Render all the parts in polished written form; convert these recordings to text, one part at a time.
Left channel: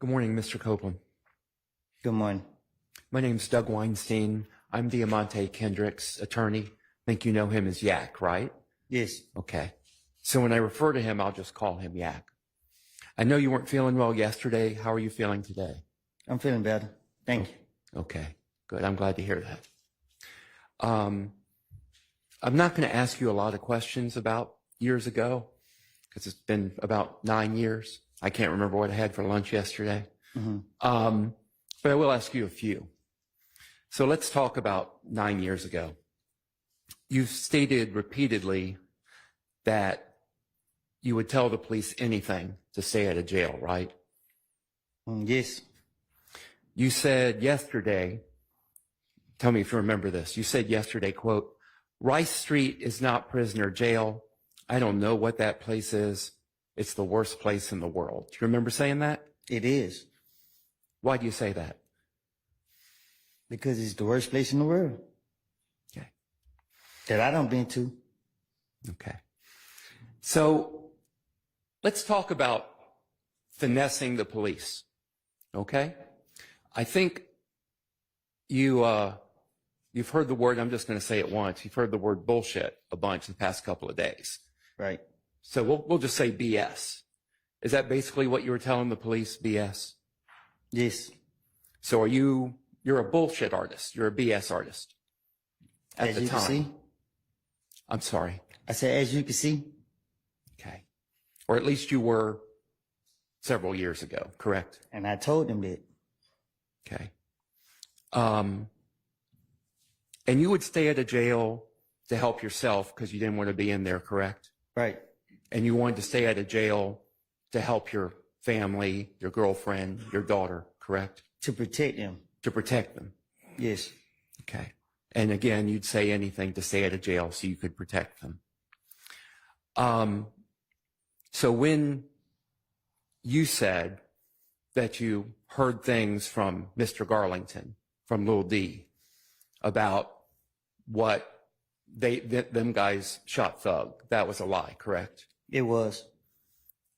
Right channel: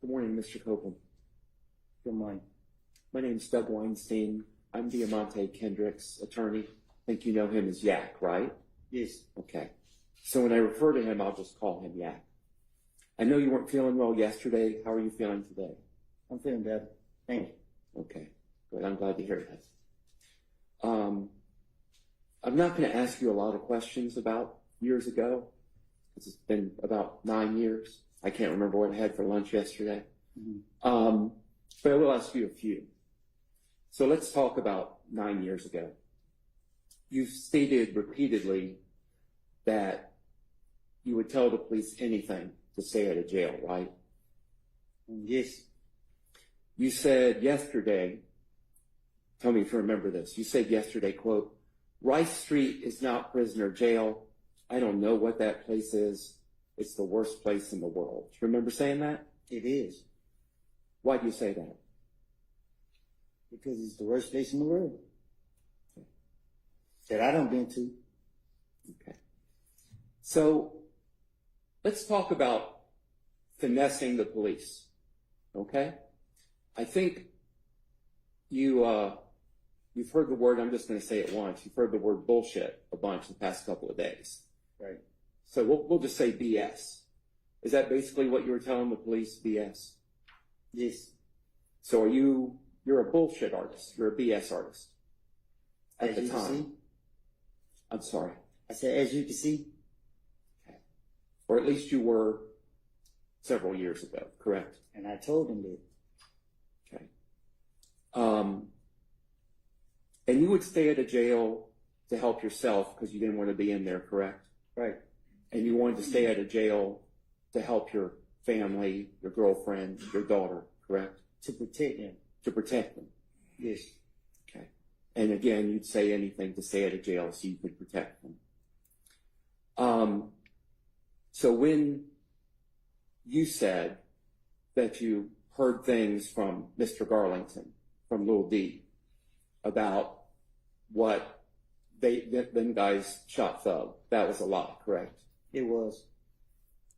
Good morning, Mr. Copeland. Good morning. My name's Doug Weinstein. I'm Diamante Kendrick's attorney. I think you know him as Yak, right? Yes. Okay. So when I refer to him, I'll just call him Yak. I know you weren't feeling well yesterday. How are you feeling today? I'm feeling better. Thank you. Okay, good. I'm glad to hear that. I'm not going to ask you a lot of questions about years ago because it's been about 9 years. I can't remember what I had for lunch yesterday. But I will ask you a few. So let's talk about 9 years ago. You've stated repeatedly that you would tell the police anything to stay out of jail, right? Yes. You said yesterday, tell me if you remember this, you said yesterday, quote, Rice Street is not prisoner jail. I don't know what that place is. It's the worst place in the world. Do you remember saying that? It is. Why do you say that? Because it's the worst place in the world. Okay. That I don't been to. Okay. So let's talk about finessing the police. Okay? I think you've heard the word, I'm just going to say it once, you've heard the word bullshit a bunch the past couple of days. Right. So we'll just say BS. Is that basically what you were telling the police, BS? Yes. So you're a bullshit artist. You're a BS artist at the As you time. can see. I'm sorry. I said, as you can see. Okay. Or at least you were several years ago, correct? And I told him that. Okay. And you would stay at a jail to help yourself because you didn't want to be in there, correct? Right. And you wanted to stay at a jail to help your family, your girlfriend, your daughter, correct? To protect them. To protect them. Yes. Okay. And again, you'd say anything to stay at a jail so you could protect them. So when you said that you heard things from Mr. Garlington, from Lil D, about what them guys shot Thug, that was a lie, correct? It was.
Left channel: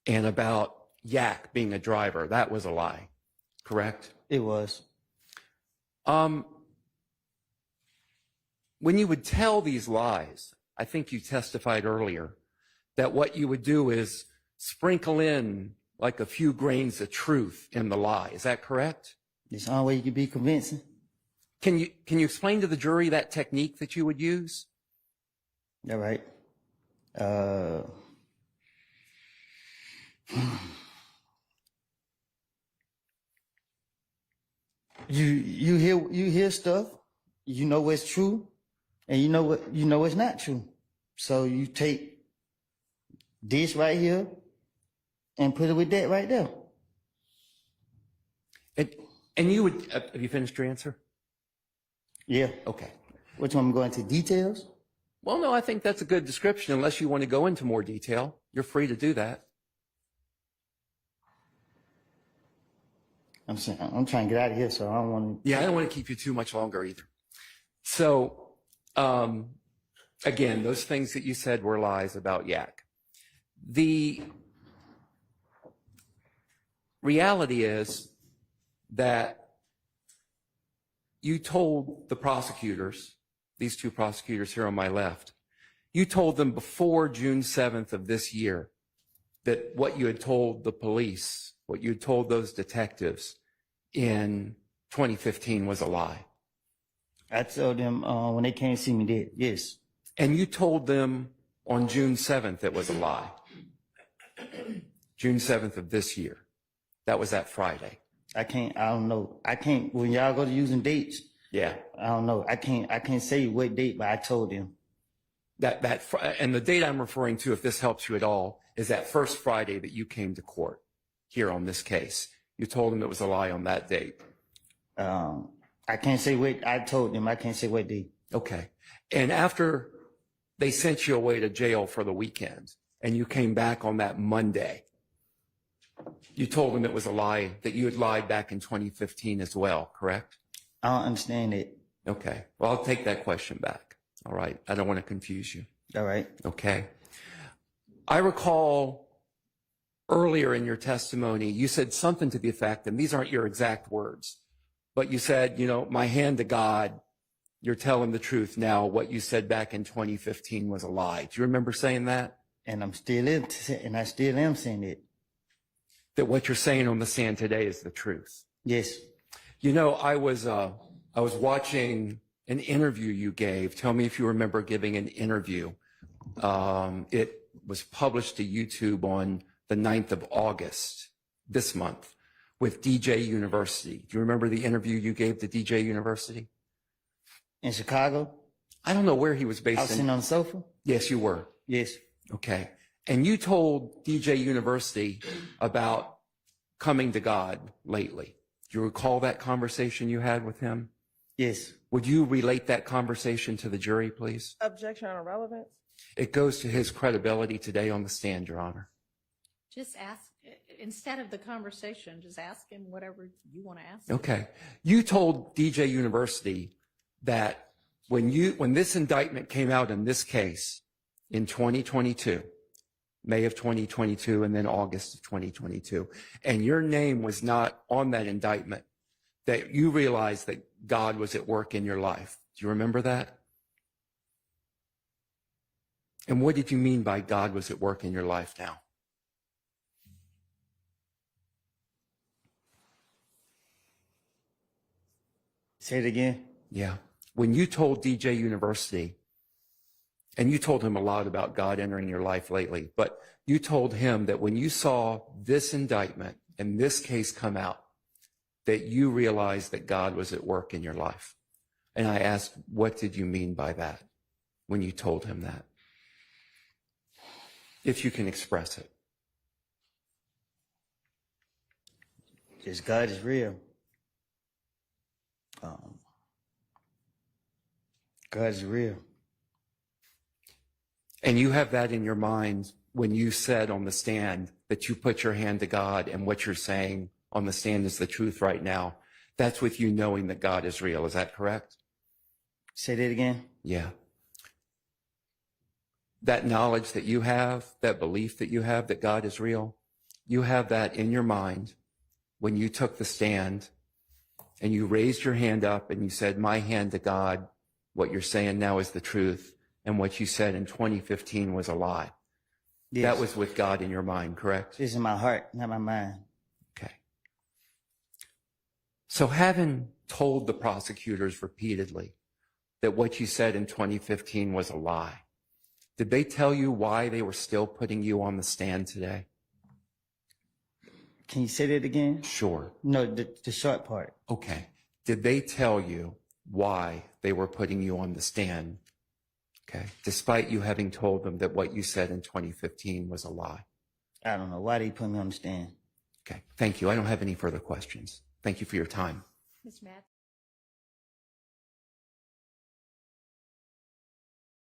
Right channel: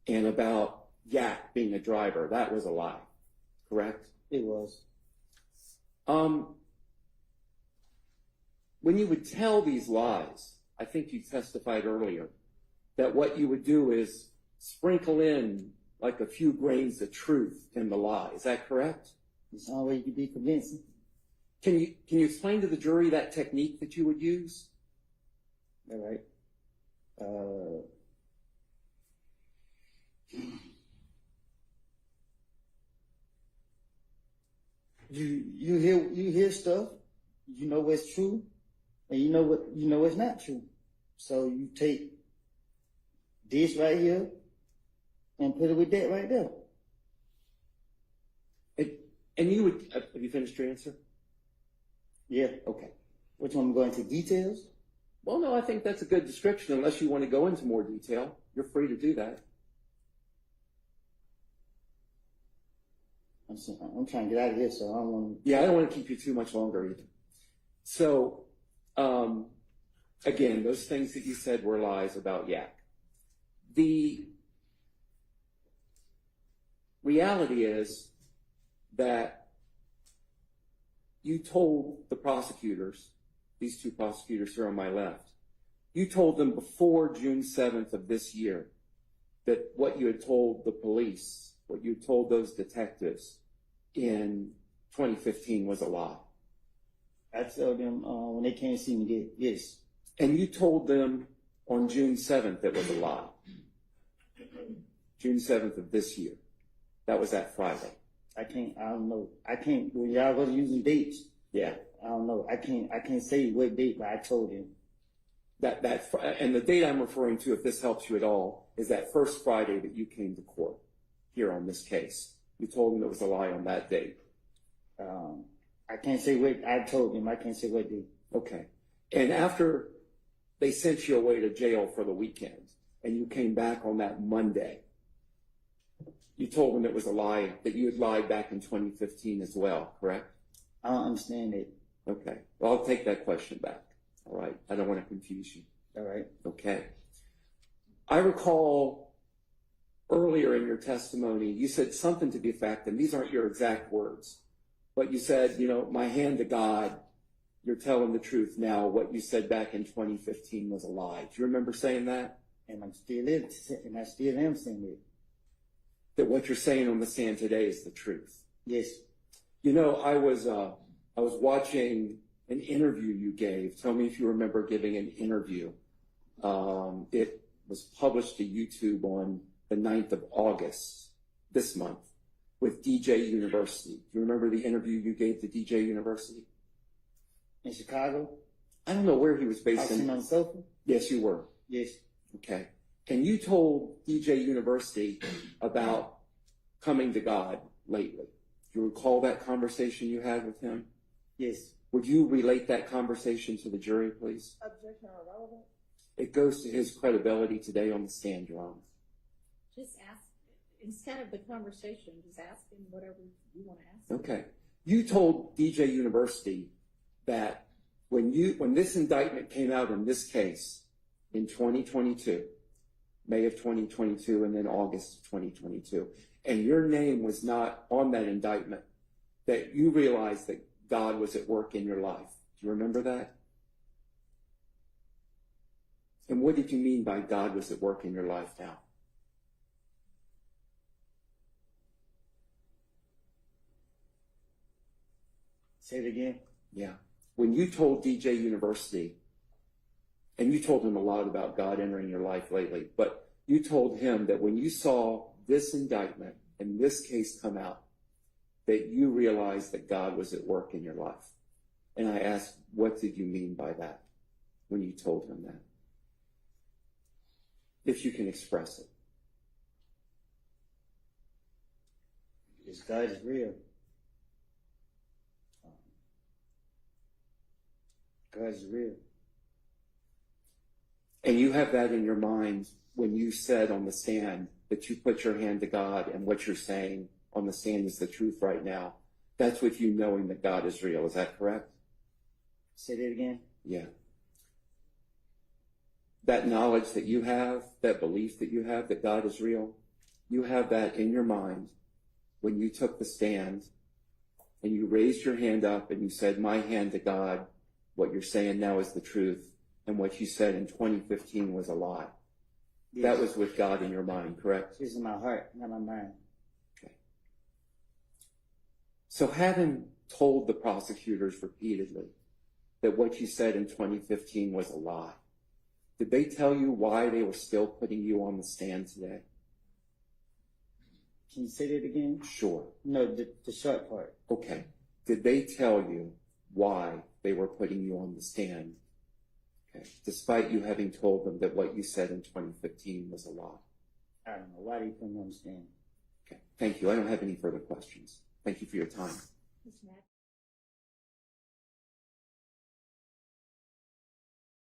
And about Yak being a driver, that was a lie, correct? It was. When you would tell these lies, I think you testified earlier that what you would do is sprinkle in like a few grains of truth in the lie. Is that correct? It's the only way you can be convincing. Can you explain to the jury that technique that you would use? All right. You hear stuff, you know what's true, and you know what's not true. So you take this right here and put it with that right there. And you would, have you finished your answer? Yeah. Okay. Which one? I'm going into details? Well, no, I think that's a good description. Unless you want to go into more detail, you're free to do that. I'm trying to get out of here, so I don't want to. Yeah, I don't want to keep you too much longer either. So, again, those things that you said were lies about Yak. The reality is that you told the prosecutors, these two prosecutors here on my left, you told them before June 7th of this year that what you had told the police, what you had told those detectives in 2015 was a lie. I told them when they came to see me that, yes. And you told them on June 7th it was a lie. June 7th of this year. That was that Friday. I don't know. When y'all go to using dates. Yeah. I don't know. I can't say what date, but I told them. And the date I'm referring to, if this helps you at all, is that first Friday that you came to court here on this case. You told them it was a lie on that date. I can't say what I told them. I can't say what date. Okay. And after they sent you away to jail for the weekend and you came back on that Monday, you told them it was a lie, that you had lied back in 2015 as well, correct? I don't understand it. Okay. Well, I'll take that question back. All right. I don't want to confuse you. All right. Okay. I recall earlier in your testimony, you said something to the effect, and these aren't your exact words, but you said, you know, my hand to God, you're telling the truth now. What you said back in 2015 was a lie. Do you remember saying that? And I still am saying it. That what you're saying on the stand today is the truth. Yes. You know, I was watching an interview you gave. Tell me if you remember giving an interview. It was published to YouTube on the 9th of August this month with DJ University. Do you remember the interview you gave to DJ University? In Chicago? I don't know where he was based. I was sitting on the sofa? Yes, you were. Yes. Okay. And you told DJ University about coming to God lately. Do you recall that conversation you had with him? Yes. Would you relate that conversation to the jury, please? Objection on irrelevance. It goes to his credibility today on the stand, Your Honor. Just ask, instead of the conversation, just ask him whatever you want to ask. Okay. You told DJ University that when this indictment came out in this case in 2022, May of 2022 and then August of 2022, and your name was not on that indictment, that you realized that God was at work in your life. Do you remember that? And what did you mean by God was at work in your life now? Say it again. Yeah. When you told DJ University, and you told him a lot about God entering your life lately, but you told him that when you saw this indictment and this case come out, that you realized that God was at work in your life. And I asked, what did you mean by that when you told him that? If you can express it. Just God is real. God is real. And you have that in your mind when you said on the stand that you put your hand to God and what you're saying on the stand is the truth right now. That's with you knowing that God is real. Is that correct? Say that again. Yeah. That knowledge that you have, that belief that you have that God is real, you have that in your mind when you took the stand and you raised your hand up and you said, my hand to God, what you're saying now is the truth, and what you said in 2015 was a lie. Yes. That was with God in your mind, correct? It's in my heart, not my mind. Okay. So having told the prosecutors repeatedly that what you said in 2015 was a lie, did they tell you why they were still putting you on the stand today? Can you say that again? Sure. No, the short part. Okay. Did they tell you why they were putting you on the stand? Okay. Despite you having told them that what you said in 2015 was a lie. I don't know. Why they put me on the stand? Okay. Thank you. I don't have any further questions. Thank you for your time. Ms. Matt?